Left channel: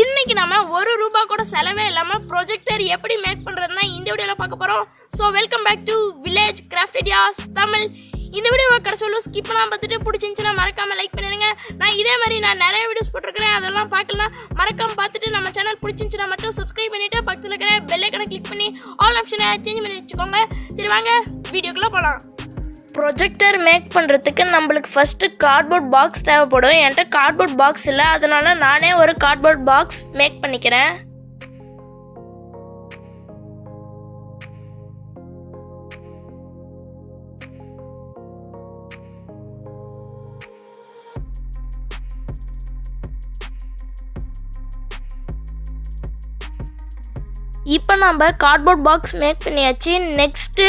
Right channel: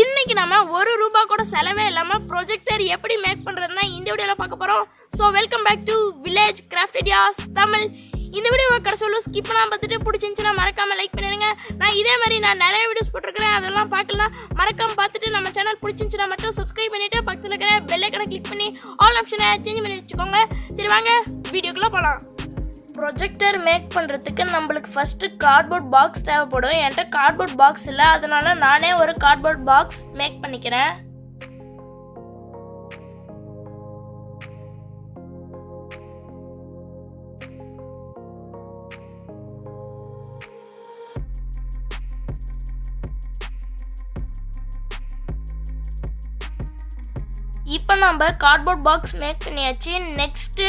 இன்னைக்கு நம்ம ₹1 கூட செலவே இல்லாம ப்ரொஜெக்டர் எப்படி மேக் பண்றதுன்னா இந்த வீடியோல பார்க்க போறோம். So welcome back to village craft ideas Tamil. இந்த வீடியோவை கடைசியில் ஸ்கிப் பண்ணாம பார்த்துட்டு பிடிச்சிருந்துச்சுன்னா மறக்காம லைக் பண்ணிடுங்க. நான் நிறைய வீடியோஸ் போட்டிருக்கிறேன், அதெல்லாம் பார்க்கலாம். மறக்காம பார்த்துட்டு நம்ம சேனல் பிடிச்சிருந்துச்சுன்னா மட்டும் சப்ஸ்கிரைப் பண்ணிட்டு பக்கத்தில் இருக்கிற பெல் ஐக்கனை கிளிக் பண்ணி ஆல் ஆப்ஷனை சேஞ்ச் பண்ணி வச்சுக்கோங்க. சரி வாங்க வீடியோக்குள்ள போகலாம். ப்ரொஜெக்டர் மேக் பண்ணுறதுக்கு நம்மளுக்கு ஃபஸ்ட்டு கார்ட்போர்ட் பாக்ஸ் தேவைப்படும். என்கிட்ட கார்ட்போர்ட் பாக்ஸ் இல்லை, அதனால நானே ஒரு கார்ட்போர்ட் பாக்ஸ் மேக் பண்ணிக்கிறேன். இப்போ நம்ம கார்ட்போர்ட் பாக்ஸ் மேக் பண்ணியாச்சு. நெக்ஸ்ட்டு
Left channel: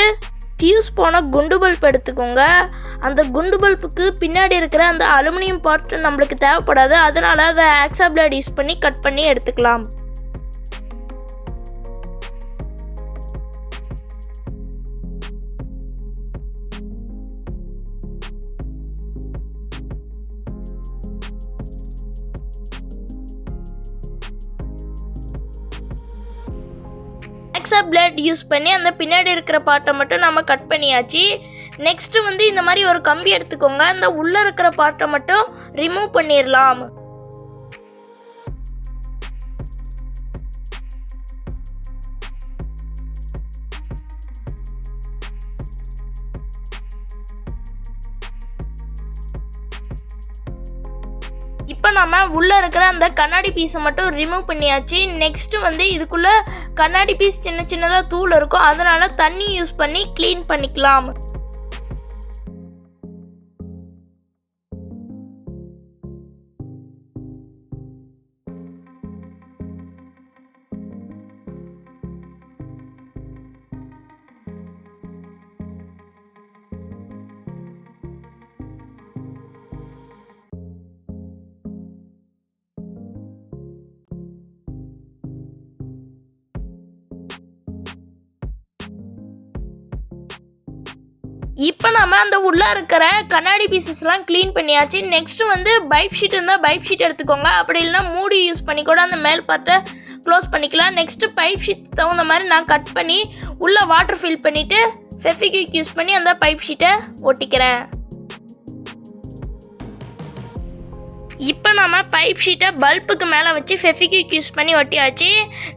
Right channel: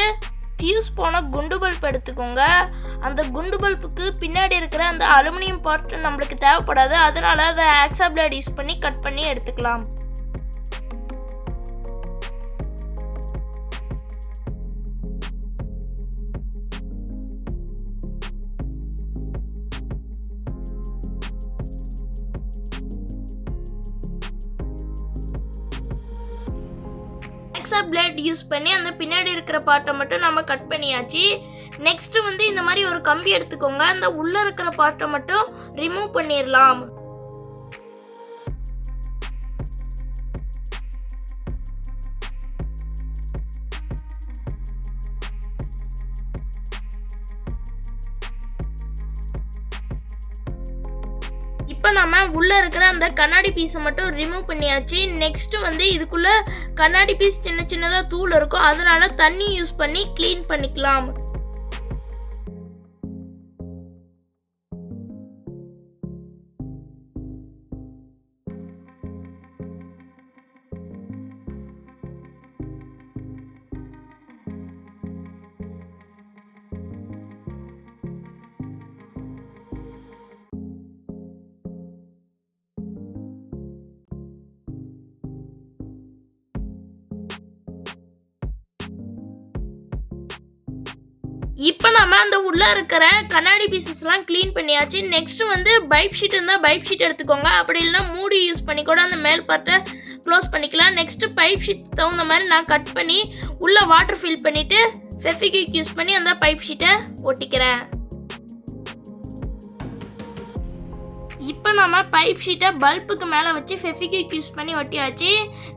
ஃபியூஸ் போன குண்டு பல்ப் எடுத்துக்கோங்க. அந்த குண்டு பல்புக்கு பின்னாடி இருக்கிற அந்த அலுமினியம் பார்ட் நம்மளுக்கு தேவைப்படாது, அதனால அதை ஆக்ஸா பிளேட் யூஸ் பண்ணி கட் பண்ணி எடுத்துக்கலாம். ஆக்ஸா பிளேட் யூஸ் பண்ணி அந்த பின்னாடி இருக்கிற பார்ட்டை மட்டும் நம்ம கட் பண்ணியாச்சு. நெக்ஸ்ட்டு இந்த மாதிரி ஒரு கம்பி எடுத்துக்கோங்க. அந்த உள்ளே இருக்கிற பார்ட்டை மட்டும் ரிமூவ் பண்ணிடலாம். இப்போ நம்ம உள்ளே இருக்கிற அந்த கண்ணாடி பீஸை மட்டும் ரிமூவ் பண்ணியாச்சு. நெக்ஸ்ட்டு இதுக்குள்ளே கண்ணாடி பீஸ் சின்ன சின்னதாக தூள் இருக்கும், அதனால தண்ணி யூஸ் பண்ணி க்ளீன் பண்ணிக்கலாம். இப்போ நம்ம அந்த உள்ளே இருக்கிற கண்ணாடி பீசஸ்லாம் க்ளீன் பண்ணியாச்சு. நெக்ஸ்ட்டு பைப் ஷீட் இருந்தால் பைப் ஷீட் எடுத்துக்கோங்க, அப்படி இல்லைனா மூடி யூஸ் பண்ணி கூட அந்த மேல் பார்ட்டை க்ளோஸ் பண்ணிக்கலாம். நெக்ஸ்ட்டு பைப் ஷீட் தகுந்த மாதிரி நான் கட் பண்ணி உள்ளே வாட்டர் ஃபில் பண்ணிவிட்டு ஃபெவிக்விக் யூஸ் பண்ணி அந்த பைப் ஷீட்டை ஒட்டிக்கிறேன். இப்போ நம்ம பைப் ஷீட்டை பல்புக்கு மேலே வச்சு ஃபெவிக்விக் யூஸ் பண்ணி ஒட்டியாச்சு.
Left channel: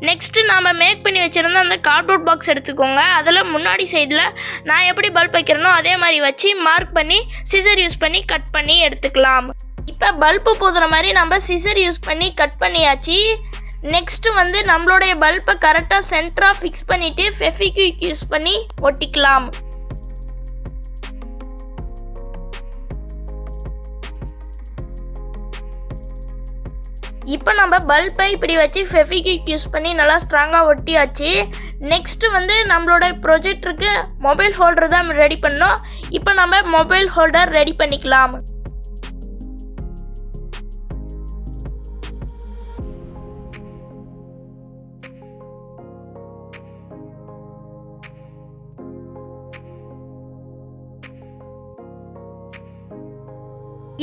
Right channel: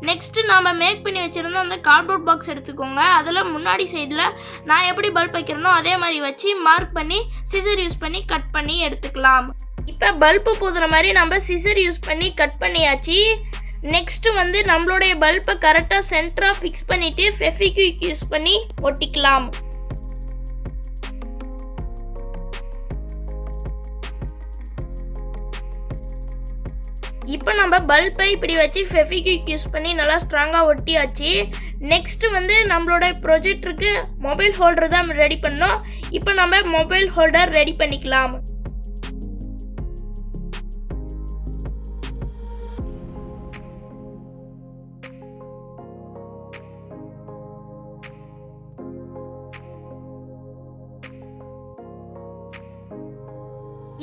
நெக்ஸ்ட்டு நம்ம மேக் பண்ணி வச்சுருந்த அந்த கார்ட்போர்ட் பாக்ஸ் எடுத்துக்கோங்க. அதில் முன்னாடி சைடில் நான் எப்படி பல்ப் வைக்கிறேனோ அதே மாதிரி வச்சு மார்க் பண்ணி சிசர் யூஸ் பண்ணி கட் பண்ணி எடுத்துக்கலாம். இப்போ பல்பு போதுற மாதிரி நம்ம சிசர் யூஸ் பண்ணி கட் பண்ணியாச்சு. நெக்ஸ்ட்டு நம்மளுடைய பல்பை கரெக்டாக சென்டராக ஃபிக்ஸ் பண்ணிவிட்டு ஃபெவிக்விக் யூஸ் பண்ணி ஒட்டிக்கலாம். இப்போ நம்ம பல்பை இப்படி வச்சு ஃபெவிக்விக் யூஸ் பண்ணி நல்லா ஸ்ட்ராங்காக ஒட்டியாச்சு. நெக்ஸ்ட்டு நம்மளோட ப்ரொஜெக்டருக்கு மொபைல் ஹோல்டர் தான் ரெடி பண்ணோம். இப்போ நம்ம மொபைல் ஹோல்டர் ரெடி பண்ணிக்கலாம்.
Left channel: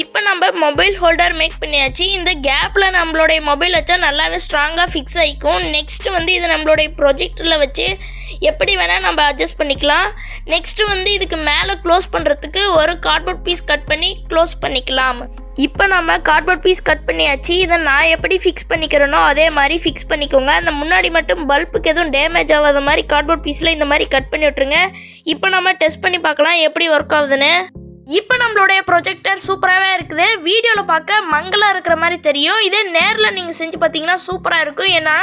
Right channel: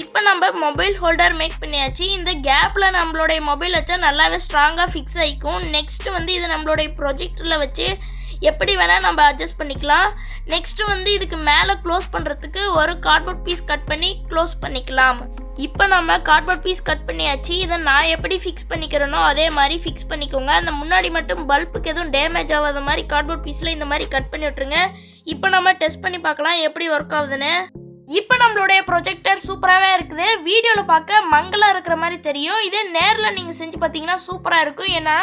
இப்போ நம்ம மொபைல் ஹோல்டர் மேக் பண்ணியாச்சு. இந்த கேப்பில் நம்மளுடைய மொபைல் வச்சா நல்லாவே ஸ்ட்ராங்காக ஃபிக்ஸ் ஆகிக்கும். நெக்ஸ்ட்டு இது நம்மளுடைய ப்ரொஜெக்டரில் வச்சு எப்படி வேணால் நம்ம அட்ஜஸ்ட் பண்ணிக்கலாம். நெக்ஸ்ட்டு இதுக்கு மேலே க்ளோஸ் பண்ணுறதுக்கு ஒரு கார்ட்போர்ட் பீஸ் கட் பண்ணி க்ளோஸ் பண்ணிக்கலாம். இப்போ நம்ம கார்ட்போர்ட் பீஸ் கட் பண்ணியாச்சு. இதை நான் எப்படி ஃபிக்ஸ் பண்ணிக்கிறேனோ அதே மாதிரி ஃபிக்ஸ் பண்ணிக்கோங்க. அந்த முன்னாடி மட்டும் பல்புக்கு எதுவும் டேமேஜ் ஆகாத மாதிரி கார்ட்போர்ட் பீஸில் இந்த மாதிரி கட் பண்ணி விட்டுருங்க. இப்போ நம்ம டெஸ்ட் பண்ணி பார்க்கலாம் எப்படி ஒர்க் ஆகுதுன்னு. இப்போ நம்மளுடைய ப்ரொஜெக்டர் சூப்பராகவே இருக்குது. வீடியோவில் பார்க்க மங்கலாக இருக்கிற மாதிரி தெரியும், இதே நேரில் நீங்கள் செஞ்சு பார்த்தீங்கன்னா சூப்பராக இருக்கும். ஏன்னா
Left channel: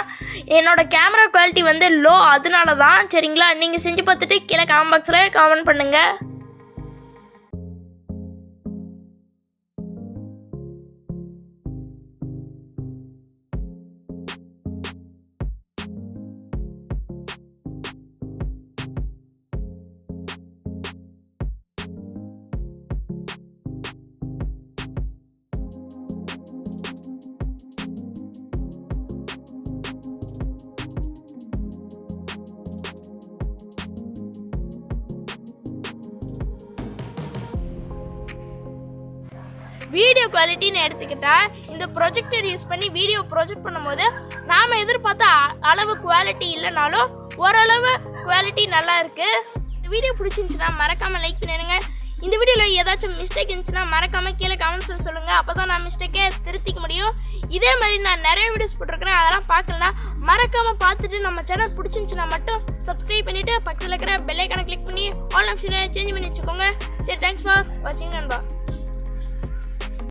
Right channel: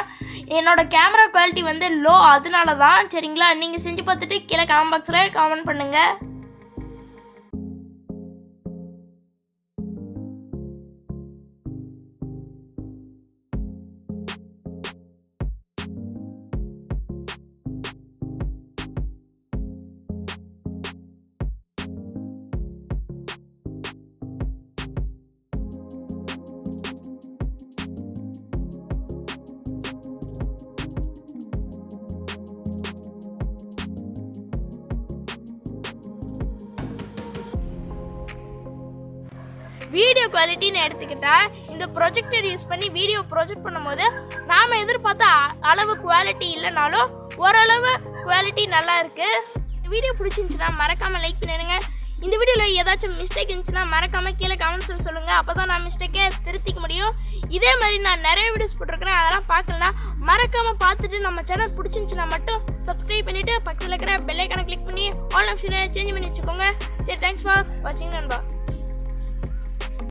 என்னோடய கேமரா குவாலிட்டி லோ, அதனால தான். சரிங்களா, நீங்கள் செஞ்சு பார்த்துட்டு கீழே கமெண்ட் பாக்ஸில் கமெண்ட் பண்ணுங்கள். வீடியோ குவாலிட்டின்னு எடுத்துக்கிட்டா இந்த ப்ரொஜெக்டர் யூஸ் பண்ணி வீடியோ ப்ரொஜெக்ட் பண்ணும்போது நாம் எதிர்பார்த்த அளவு குவாலிட்டி இல்லைனாலும் ஓரளவு குவாலிட்டி நல்லா இருக்குது. இந்த வீடியோ பிடிச்சிருந்துச்சுன்னா மறக்காமல் லைக் பண்ணிடுங்க. இந்த வீடியோவில் ஏதாச்சும் மிஸ்டேக் இருந்துச்சுன்னா மறக்காமல் கீழே கமெண்ட்ஸில் சொல்லுங்கள். அப்போ தான் நான் மிஸ்டேக்கே திருத்திக்க முடியும். இதே மாதிரி நான் நிறைய வீடியோஸ் போட்டிருக்கிறேன், அதெல்லாம் பார்க்கலன்னா மறக்காமல் பார்த்துட்டு நம்ம சேனல் பிடிச்சிருந்துச்சுன்னா மட்டும் சப்ஸ்கிரைப் பண்ணிவிட்டு பக்கத்தில் இருக்கிற பெல் ஐக்கானை கிளிக் பண்ணி ஆல் ஆப்ஷனை சேஞ்ச் பண்ணி வச்சுக்கோங்க. சரி, தேங்க்ஸ் ஃபார் வாட்சிங் நண்பா.